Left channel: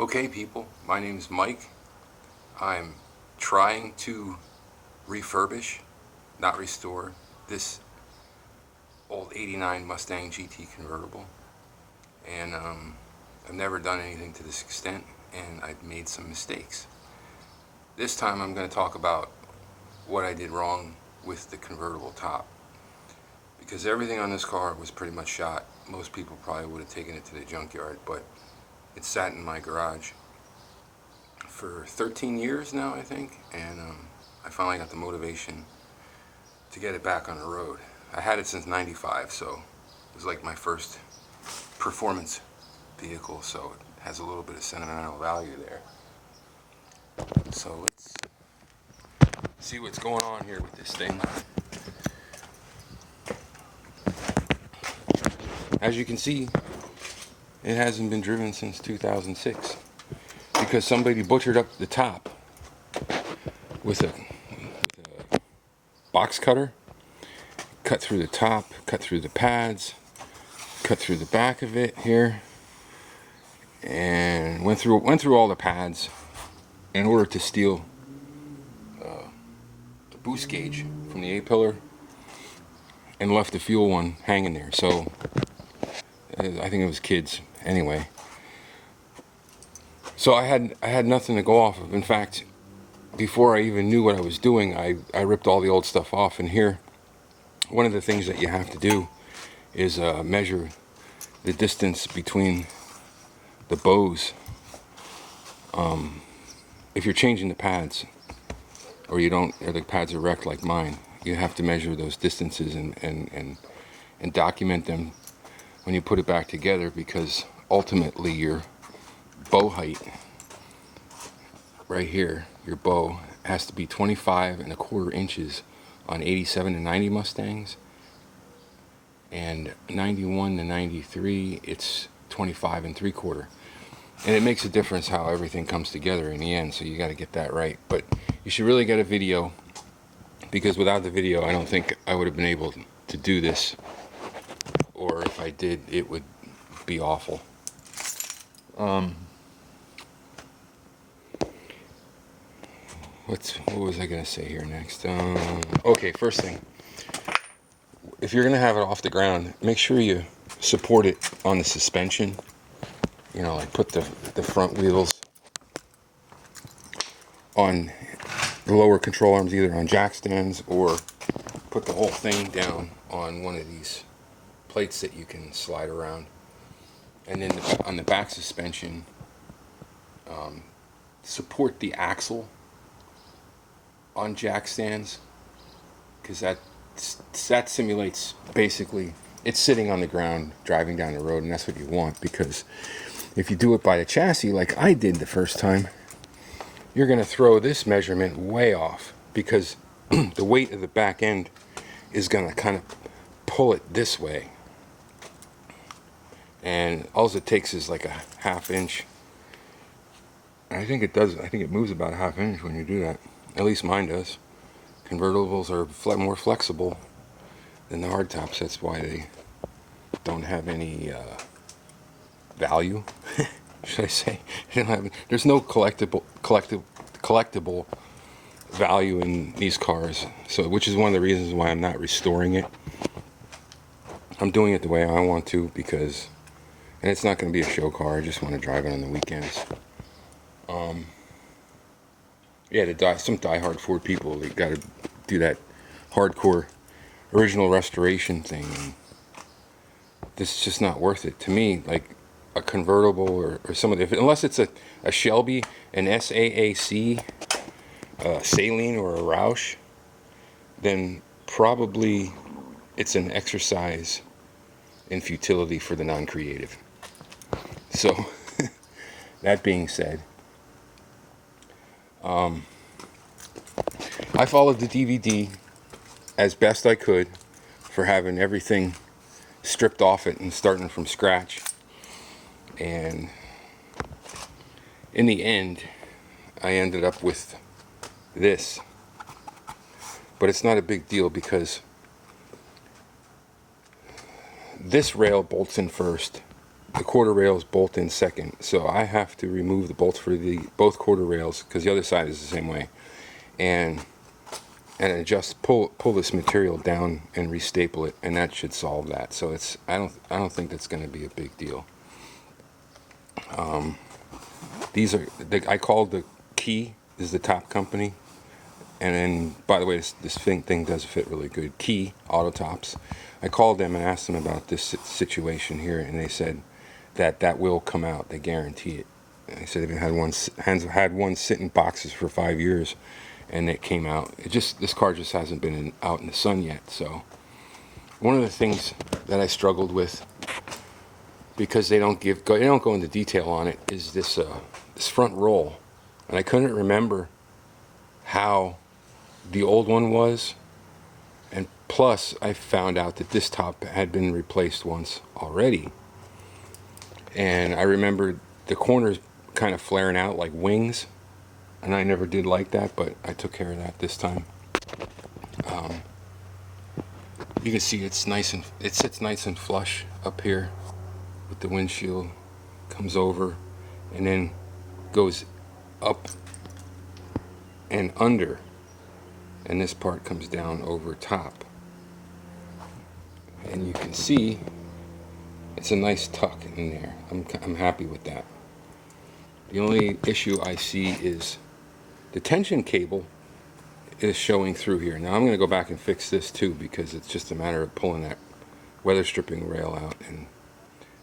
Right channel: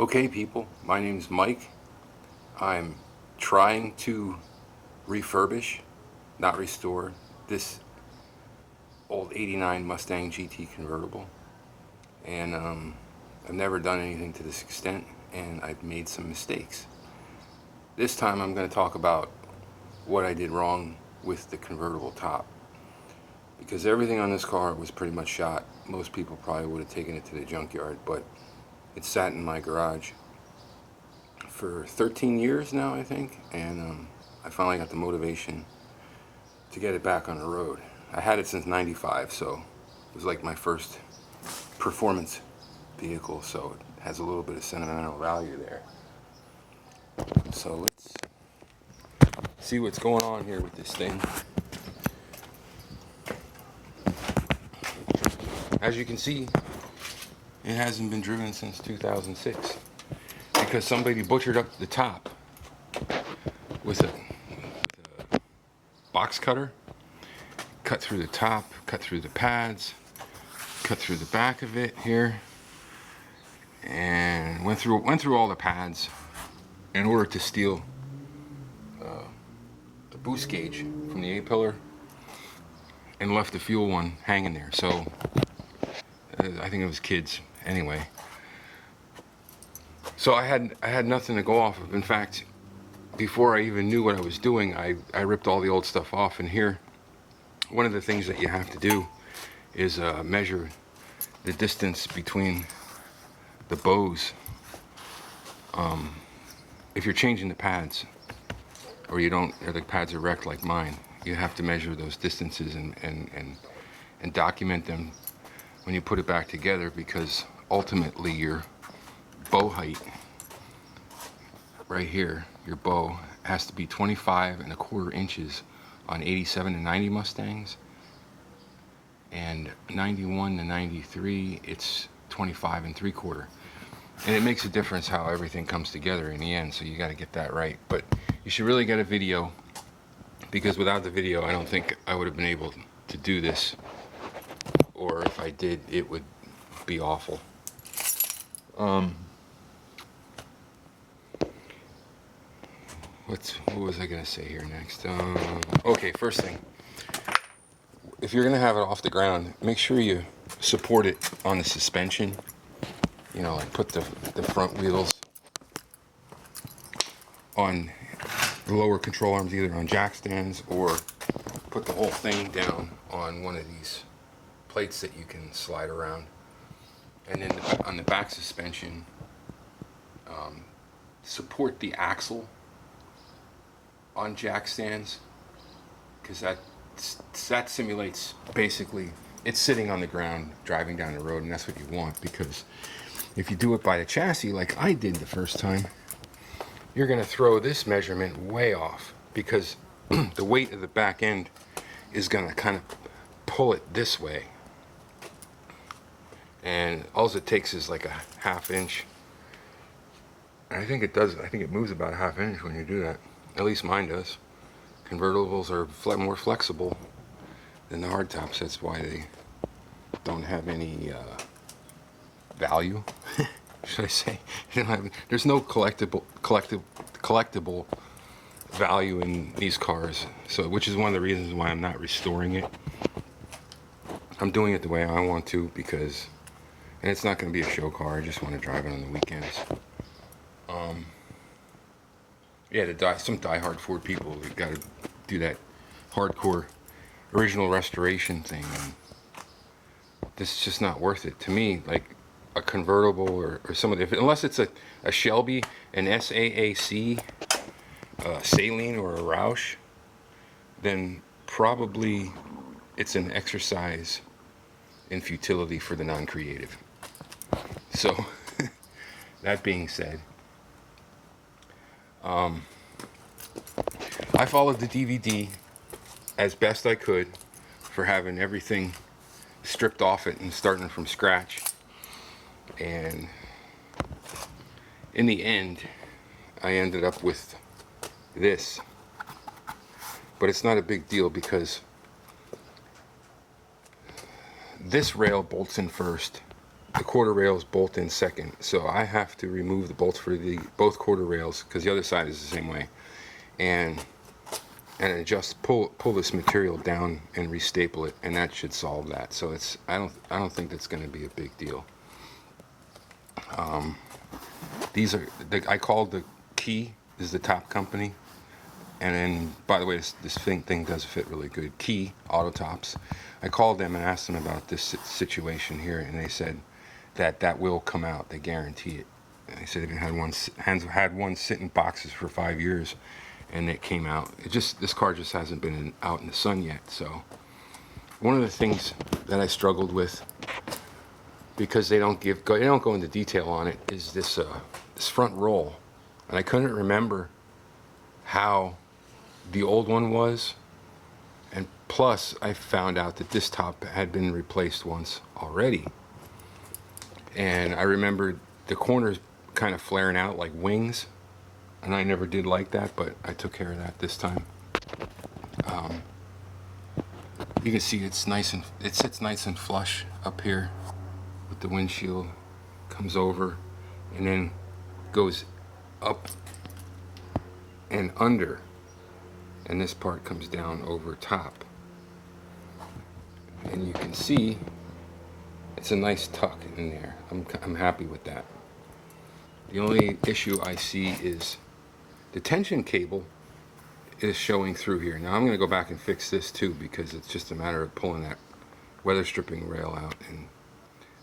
Okay people, my name is Mike. I'm trying to refurbish, not restore, this old 89 Mustang GT convertible. And I've never done anything to this extent, and I've made some mistakes. This time I'm going to talk about what I did wrong with the convertible top. Because everything on this car was pretty much shot. Most people probably would have taken it to the junkyard, but it sat in my garage for 13 years now, I think, and I finally got the motivation to get it back on the road. I had it since '95, so it was like my first performance vehicle, so it has a little bit of sentimental value there. So let's see what's going on here with this thing. As you can see, it hasn't been driven since 2006 because somebody butchered up the top with a box cutter, cut through the top, cut through the pads, cut through the back of it here, and went through all the pads in order to steal the boost gauge from the A-pillar and left the fuel one hanging there. So I think it was kids anyway. So I had nothing to go off of. In fact, before I even knew what I was doing, I ripped all the old stuff off. And here, one of the things that you have to do is measure the distance between the bows. If you're changing the pads, or the pads are wrecked like mine, you have to measure those distances and document them when you put it back together, because ultimately your bow height right here, your bow has to be 25¼ inches on 87 and 90 Mustangs, and 91 to 93 it's 25¾ and it makes a difference how everything comes together in the end, so you got to get that right. But you should really get a video, because without the video I don't think I would have been able to do this, or if I did it would be awful. What was I going to say here next? Okay, first thing, if you're going to have it off the ground, make sure you support it on the suspension. You know, like put the front wheels on the lower control arms, either on jack stands, or put the whole thing down on one of these plates that you can slide around. And then on the back suspension, support the axle on jack stands, because that simulates, basically it's sitting on the ground driving down the road, and that's what you want. Because if you do it by the chassis like I did the first time, you're going to throw this measurement way off, because the weight of the back end is going to kind of pull it this way, and all it takes is like a ½ inch. I think it does. I think it moves about a ½ inch when you do that. At least mine does. Convertibles are more flexible than the hardtops. That's why they don't have any value, should I say? There's no collectible value in these cars. So, which is one of the reasons why I'm not restoring it. I'm doing it the way I want to, because, and it's not going to be a show car. I just want to drive it on the weekends. Yeah, some diehard Ford people, they got to do that hardcore original restoration thing, and this is just not worth it to me. Like a convertible or some of the, unless it's a Shelby, an SAAC, Saline, or a Roush, then probably it's an exercise in futility for the non-creative. So that being said, I followed the DVD as best I could for having everything stripped off it and starting from scratch. And in the end, I ended up with this. But it's not a big deal, because this rail bolts in first, the quarter rails bolt in second, so I have to remove the bolts for the both quarter rails, because the other side is the same way, and adjust, pull this material down and restaple it, and that should solve that. So it's I don't think that's going to be a big deal. These are I called the KEE is the top company, and then by the way, this thing does fit really good. KEE Auto Tops. I called them and asked them about this situation here, and they said that will come out. They guarantee it. And they said it had one sit in boxes for 5 years, and it came out. This car just hasn't been out in the sun yet. So one of the things that I struggled with, because they don't go into detail on it, is this front roll, and I couldn't remember how the old one was, and plus I found out that this top had been replaced once already, and I remembered the corners kind of flaring out like wings, and I never did like that, but I took care of that this time. You can see it sits nice and flush up here with the windshield, comes over and then goes up and under, and this part comes down over top, and you can see it's a nice tuck in there. I'm happy with that. The only issue I see is the tension cable is showing through here. Now I'm going to go back and fix this too, because it's just a matter of pulling that weather stripping rail out, and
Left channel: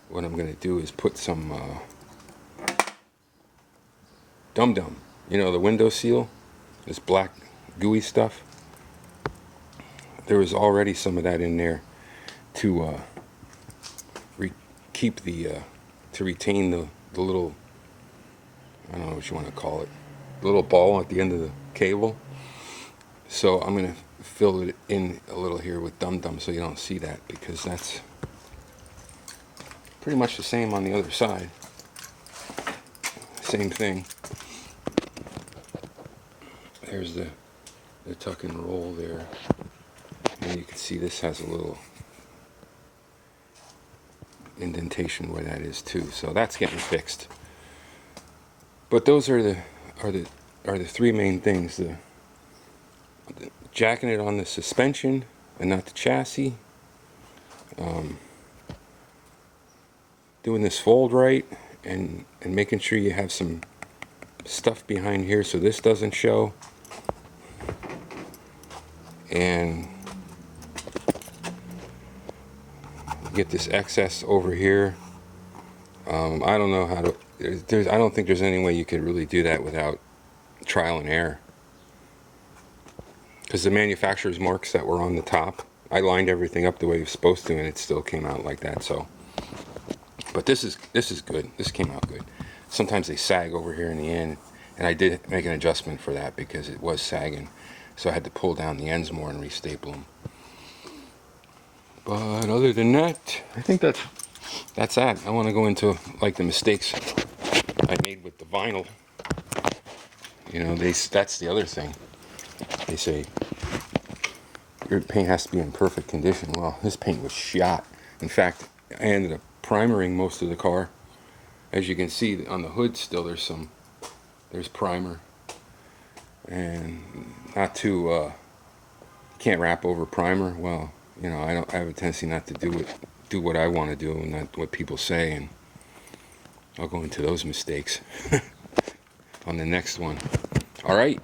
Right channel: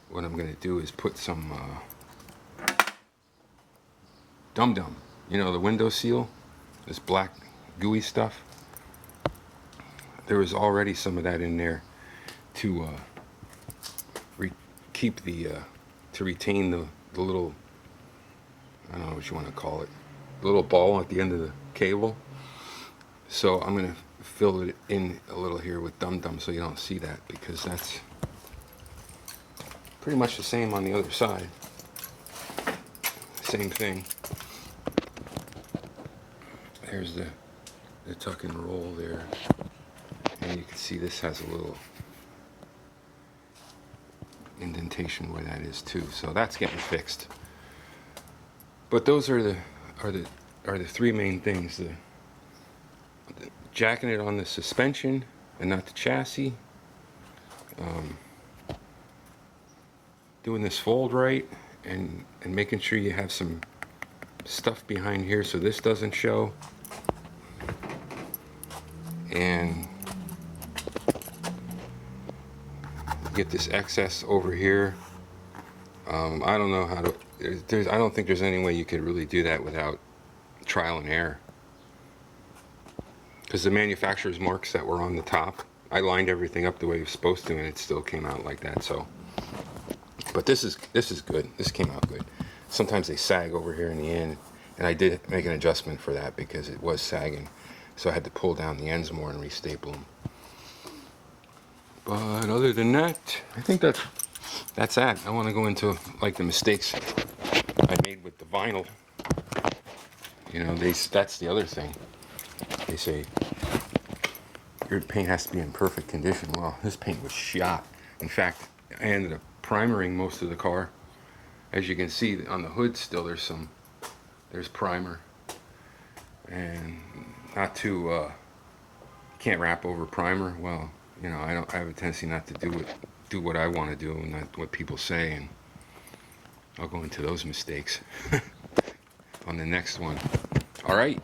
what I'm going to do is put some dum-dum, you know, the window seal, this black gooey stuff. There was already some of that in there to to retain the little, I don't know what you want to call it, the little ball at the end of the cable. So I'm going to fill it in a little here with dum-dum so you don't see that, because that's pretty much the same on the other side. Same thing. There's the tuck and roll there, and you can see this has a little indentation where that is too, so that's getting fixed. But those are the three main things: the jacking it on the suspension and not the chassis, doing this fold right, and making sure you have some stuff behind here so this doesn't show, and get this excess over here. I don't know how to, I don't think there's any way you could really do that without trial and error, because the manufacturer's marks that were on the top, I lined everything up the way it was supposed to, and it still came out like that. So, but this is good. This came out good. Sometimes they sag over here in the end, and I did make an adjustment for that because it was sagging, so I had to pull down the ends more and restaple them. But other than that, I think that's that. I want to go into like the mistakes I made with the vinyl. You know, that's the other thing. They say your paint has to be in perfect condition. Well, this paint was shot. In fact, I ended up primering most of the car. As you can see on the hood still there's primer, and not too can't wrap over primer. Well, you know, I have a tendency not to do what I want to do and not what people say, and I'll go into those mistakes on the next one. All right,